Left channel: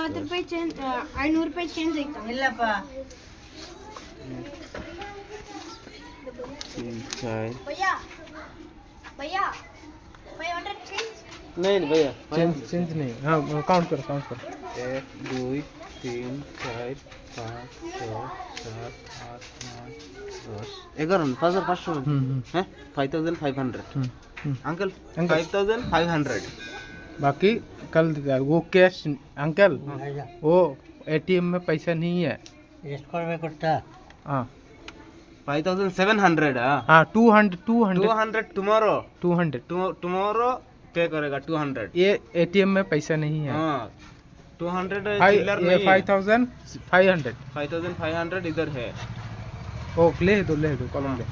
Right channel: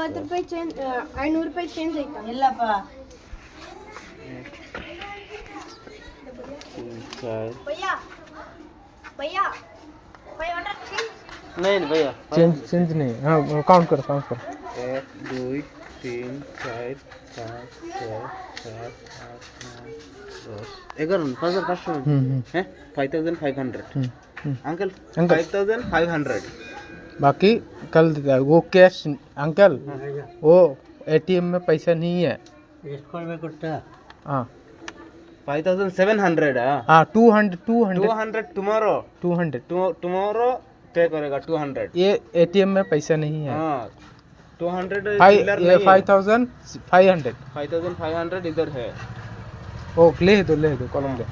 ₹50 change, ₹500 change ಐತಾ? ಇಲ್ಲಪ್ಪ. 3 4 ಭಯ್ಯಾ ಭಯ್ಯಾ 500 change नहीं भैया चेंज नहीं. हाँ काउंट करो 1 2 3 4 5 6 7 8 9 10 11 5,500 हैं 5,500 अंकल 5,500 बाकी कल देता है वो कैश. अंकल वो एटीएम में पैसा नहीं है. ಎಸ್ಕೊಂಡು ಬೇಕುತ್ತಾ? हाँ 5,700 हाँ 200 tomorrow 200 tomorrow पे करेगा 200 ये एटीएम में पैसा नहीं है. हाँ 200 चिल्लर ये नहीं है 5,500. 5,500 इधर है ओ ले दो कॉलम ले.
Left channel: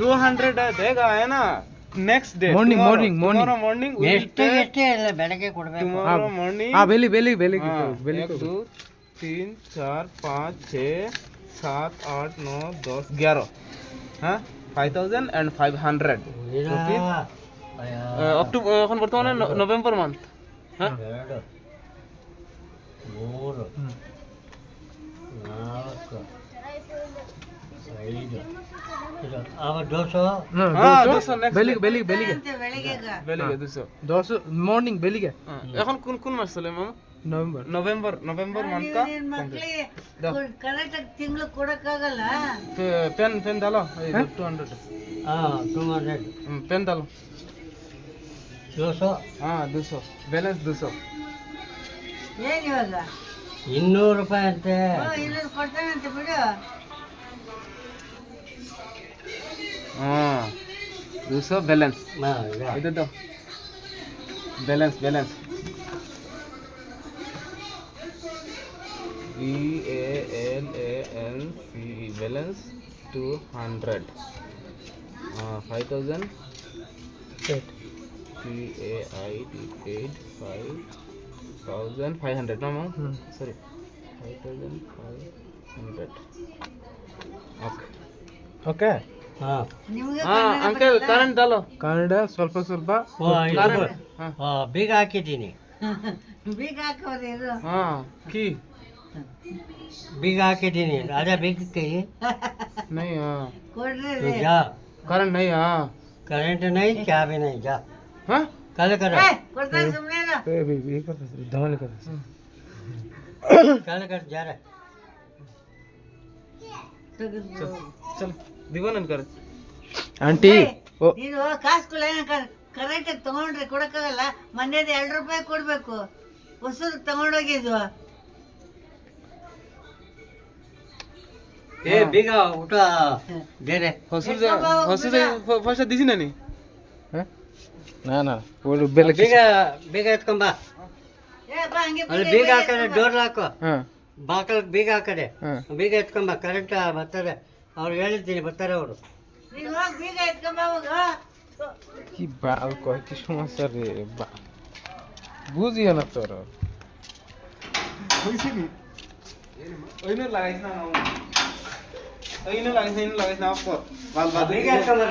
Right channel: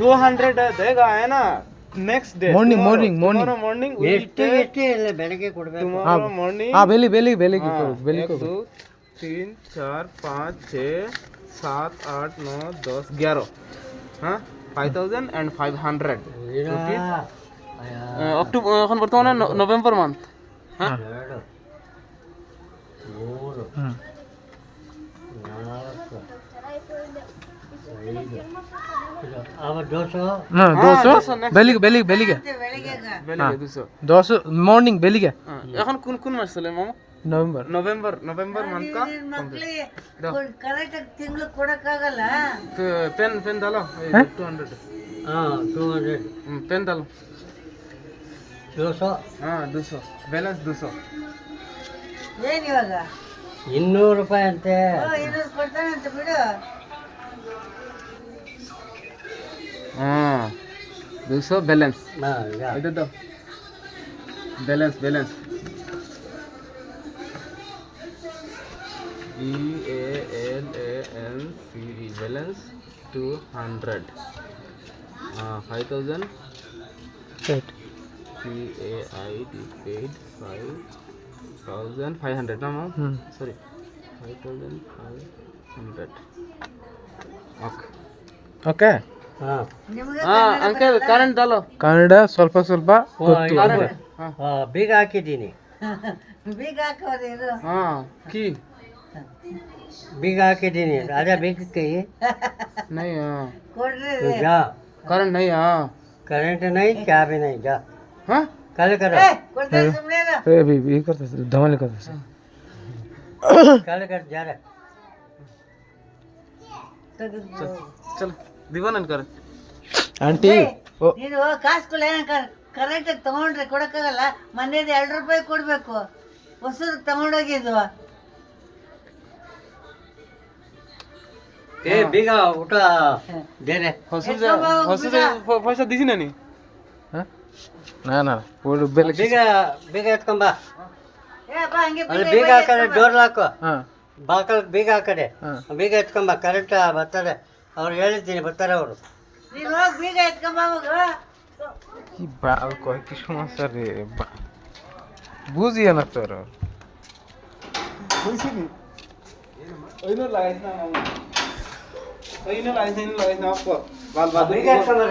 200 देगा है ना नेक्स्ट डे Morning. मॉर्निंग ಎಷ್ಟು ಇಲ್ಲ ಬೆಳಗ್ಗೆ ಕೊಡಬೇಕು. tomorrow morning हाँ बेली हाँ, बेली 1 2 3 4 5 6 7 8 9 10 11 हाँ 5,500 rupees অক্টোবর এখন বর্তমানে নভেম্বর মান্থ হ্যাঁ 2 3 4 5 अब 200 हाँ हाँ, 200 200 next बेली के ಬೆಳಿಗ್ಗೆ বেলিগে 200 200 मॉर्निंग बेली के এখন কোন মাস চলে মামা नवंबर नवंबर मंथ का ಮಕ್ಕಳಿಗೆ ಕರೆಕ್ಟ್ ತಿಂಗಳು ಕೊಡಕ್ಕಾಗಲ್ಲ. पेन डालो 200 ಹಾಂ 200 पेन डालो 200 हाँ 200 बैलेंस 200 ಏನು ಇವಾಗ ₹200 ಅಂತೆ. 200 ಕೊಡ್ತಾನಂತೆ ಬಿಡು. हाँ 200 बैलेंस ಹಾಂ ಈಗ इधर दो बैलेंस BALANCE बैलेंस 200 हाँ 5,000 PAID paid 5,500 ना मैम सॉरी 5,500 ओके ओके ಹಾಂ ನಿಮಗೆ हाँ अंकल करंट डालो ಕನ್ನಡ ಸ್ವಲ್ಪ करंट हाँ ಬೀಗ ಹಾಕಿದ್ದೀನಿ. ಬೀಗ ಹಾಕೋದು ಇದು. हाँ की ಬೀಗ ಹಾಕಿದ್ದೀನಿ. ಅದೇ ಬೀಗಕ್ಕೆ नहीं हाँ तू जा. करंट नहीं हाँ करंट नहीं क्या भी नहीं जा. हाँ कल कर ए भी करते धमाल करते कल कर जा रहा. चल दीवान कर आंटी ओ ನೀನು ಕಾಸು ಕರೆಂಟ್ ತಗೊಂಡ್ರೆ ಕೊಡಕ್ಕಾಗಲ್ಲ. ಮನೇದು ₹2 ಕೊಡ್ಬೇಕು. ಹೊಸದು ತಗೊಂಡೋಗಿದ್ವು. ಏ ಬೀಗ ಊಟ ಬೇರೆ पैसा दीसी नहीं ना वो बेल ಬೀಗ ಬೀಗ ಎತ್ಕೊಂಬ. ಅಲ್ಲಿ ಬೀಗ ಹಾಕಡೆ ಡೋರ್ ಲಾಕು हाँ ಬಾಕಲ್ ಬೀಗ ಹಾಕಡೆ ಹಾಂ. ಬೀಗ ಎತ್ಕೊಂಬ. ಕರೆಂಟ್ ಬರ್ತಾರೆ. ಅವ್ರು ಹೇಳಿದ್ದೀನಿ ಬರ್ತಾರೆ ಅವರು. ನೀನು ಹೋಗಿ ಬೀಗ ಎತ್ಕೊಂಬ. की बाल कोई की समस्या रे बा बुझिए ना तोर लगाइस ना आपको बाल ಬೀಗ ಎತ್ಕೊಂಬ.